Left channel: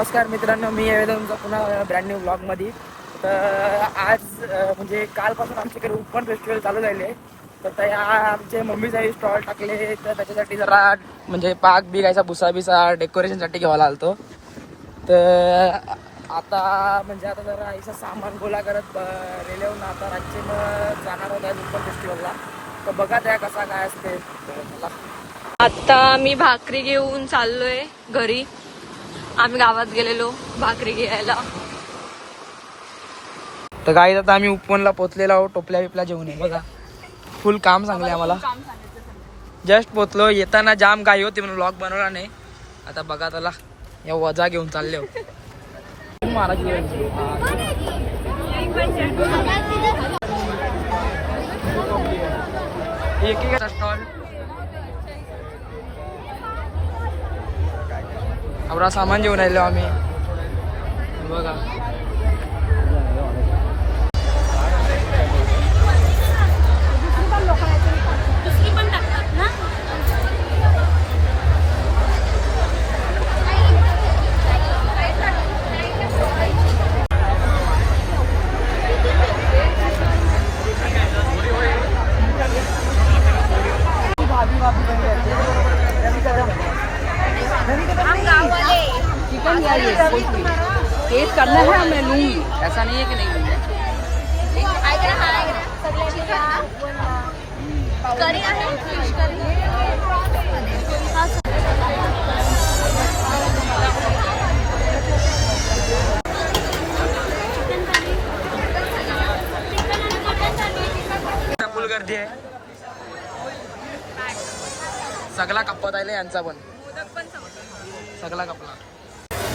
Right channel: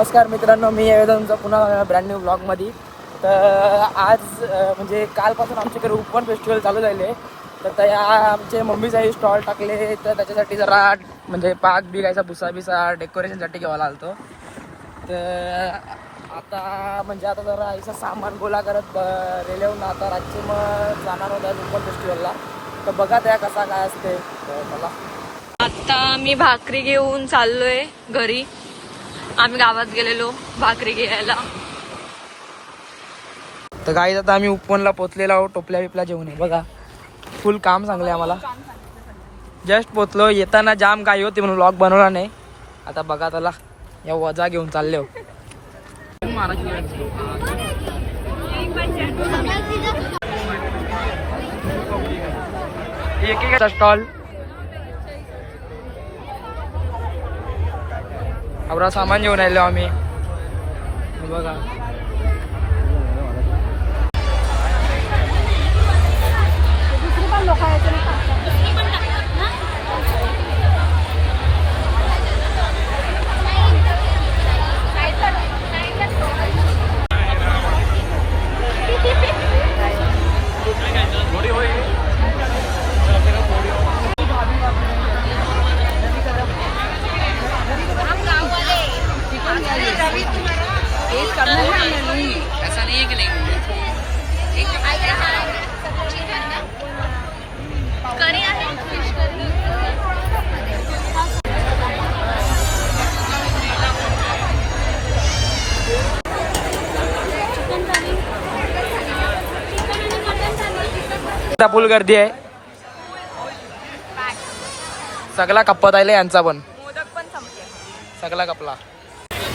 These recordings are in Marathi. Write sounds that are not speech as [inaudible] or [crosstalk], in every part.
नमस्कार मित्रांनो मी आहे तुमचा पुन्हा ब्रँड न्यू ब्लॉगमध्ये तर आज म्हणजे कालपासून आमच्याकडे उपवन फेस्टिवल चालू झाले. तर त्या आमचे मम्मीचाही स्टॉल टाकले. तर त्याच्यासाठी जरा म्हणजे पाक बिगायचा भुसा बिसा डेकोरेशनसाठी घ्यावा आलतो तर आता म्हणजे आता जरा आईचं सामान गोळा करत रेल्वेहून आता रातचे मग जाणार होता उपवन फेस्टिवलला तर बघा त्या कसा काय असते. मला आता मी भाकरी घेऊन चाललोय घरी. आम्ही गावात गेलेलो भाकरी घ्यायला. तर गाईत आता आम्ही उपवनला पोचलेलो आहोत टोपल्या बिपल्या जेवण आहे बघा. फुल काम सांगले आम्हाला. जस्ट पोचलो येताना जाम गाई होती म्हणून लॉक बनवला नाही. आता बघा त्याला या वजा घेऊन चालले हो. एक स्टॉल आवरा सामान घेऊन आलो आम्ही. बघा. हे बघा आता फुल गर्दी आहे. सगळा कप्पत आले यांचा पण. सगळा कपला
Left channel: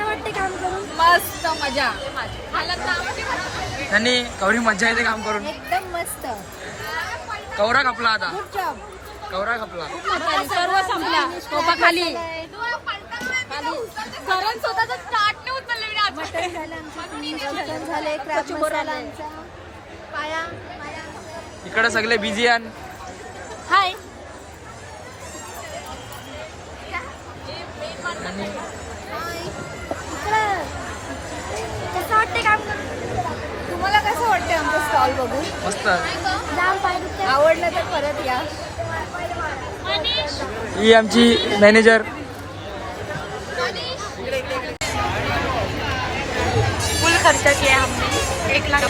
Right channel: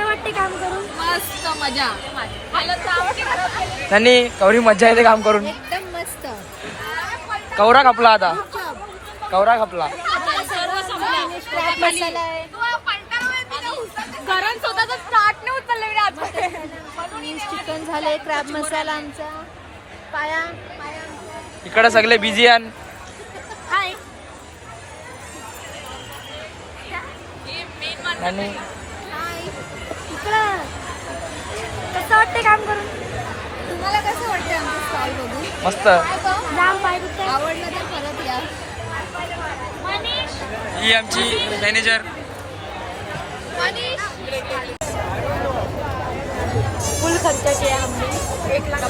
मस्त मजा. त्यांनी कवरी मज्जा येते काम करून. एकदम मस्त. कवरा खपला आता. खूप कवरा खपला. मटन झालं आमचं फिश चिकन झाले क्रॅब मसाला आमचा. पाया इकडे सगळे बिझी आणि हाय आणि इकडं कसं वाटते काम करून तुम्हाला कसं वाटते आमचं स्टॉल बघून? मस्त. आवडलं तर परत या. ही आमची मॅनेजर फुल खर्च किया हमने एक लाख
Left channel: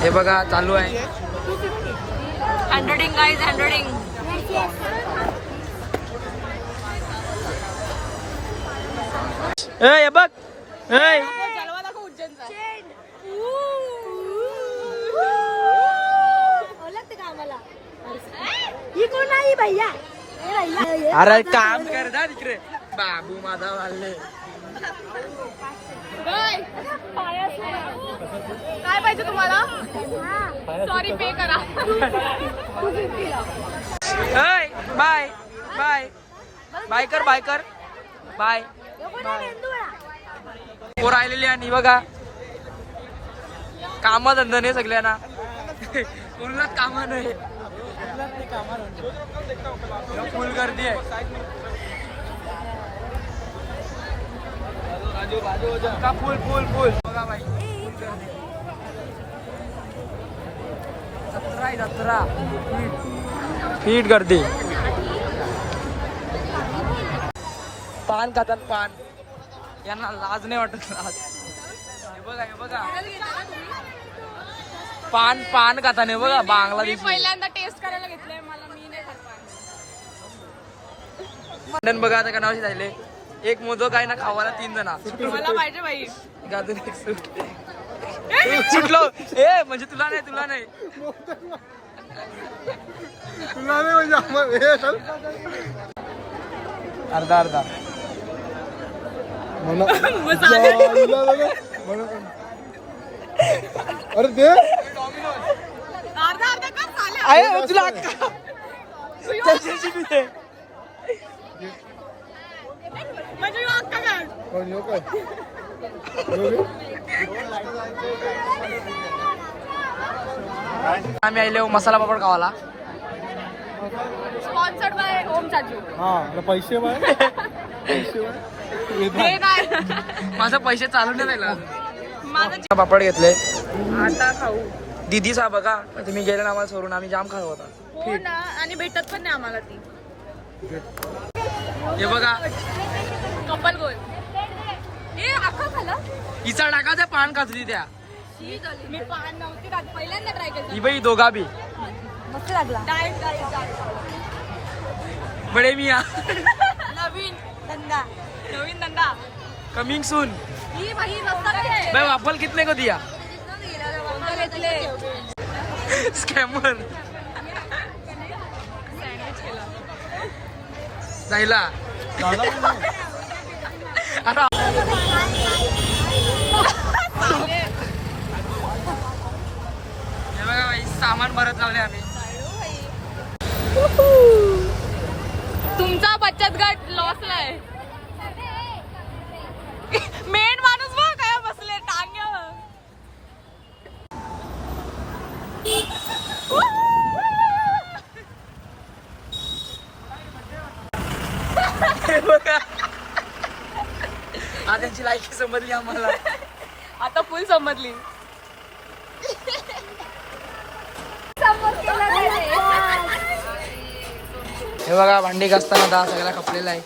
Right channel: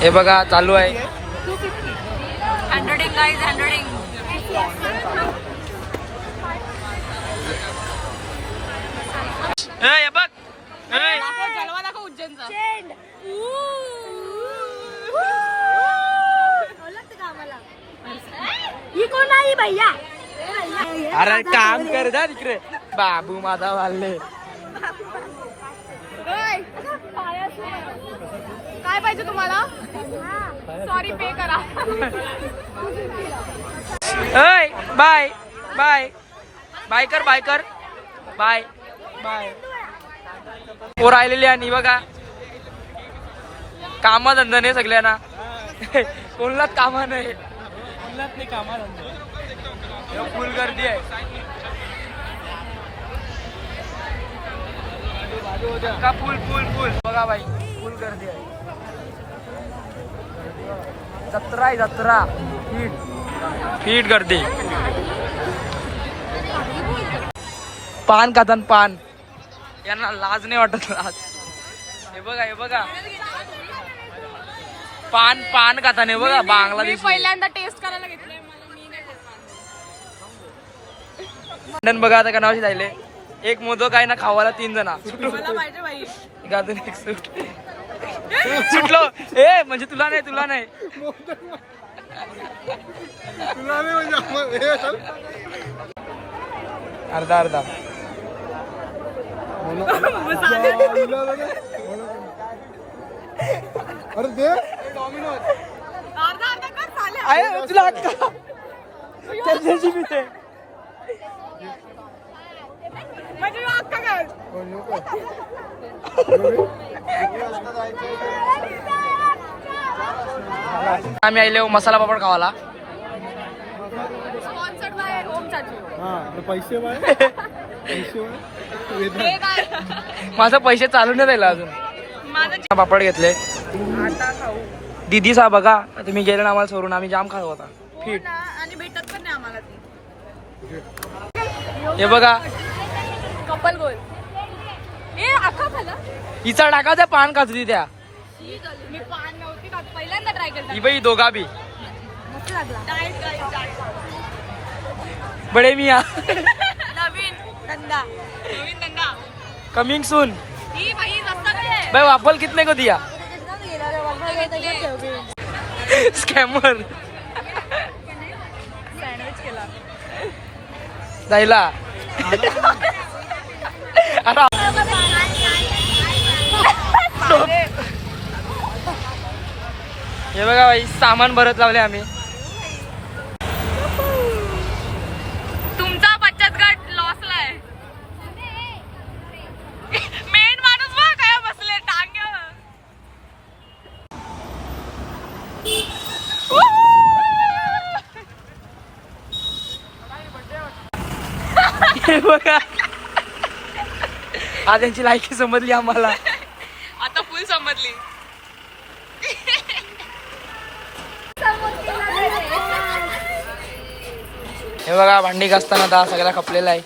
हे बघा चालू आहे. हंड्रेडिंग गाइस हंड्रेडिंग ए बघ. ए ओळखते का आम्हाला ही कोण आहे भैया अरे काम कर दा तिकडे. बाबू माझा वाढले काय पाहिजे तुम्हाला? सॉरी पे करा. ऐ बाय बाय. बाय कर बाय कर. Bye bye. पोर आलेली आणि बघा. काम धंदा नाही सगळ्यांना. [laughs] कोणलाच कामा नाही. फुल गर्दी आहे. का फुल फुल फुल. बघा बाई फुल गर्दी आहे. जत्रा आहे जत्रा. फीट फीट गर्दी. पान खातान पान. यांना लाज नाही वाटत लाज. हे बघा हे बघा. पान पान खाताना हे बघा बांगलादेशी पहिल्यांदा टेस्ट करायला घेतलंय मला मी नाही खात लंडन बघा आता कनावशी जायले. एक मोदक आहे ना खावाला तीन जणा. गाजून एक सूट. सुटलो. ए म्हणजे तुला नाही तुला नाही. अर्धा अर्धा. अरे दे आहे तुला अक्का. त्याच्याशी मी ते. आम्ही आले मसाला पापड खावाला हा पैसे माझं पैसे चालू नाही राहिला अजून. पापड घेतले. दिदी सा बघा तुम्ही गेले ना आम्हाला सोडून आम्ही जाम खात होता फिट आणि भेटत पण नाही आम्हाला ती. हे बघा. हिचा टाकायचा पान काचली त्या मी पान नव्हती पहिल्यांदा ट्राय केलं ही बाई दोघा बी. मस्त लागला. डाएट बडे मिया. नवीन धंदा. नवीन दंगा कमिंग सून ही भाई वापल कितने को दिया? स्कॅमर जायला अरे हे बघा भाई सामान भरत लावले आम्ही. तुमचा बचत गट लॉसलाय मेन माणूस बघ काय बसले टांग. बघा. हा त्यांची लायकी समजली आम्हाला. आता फुल समजली. हे बघा भांडी घासताना दहा सगळा खपलेला आहे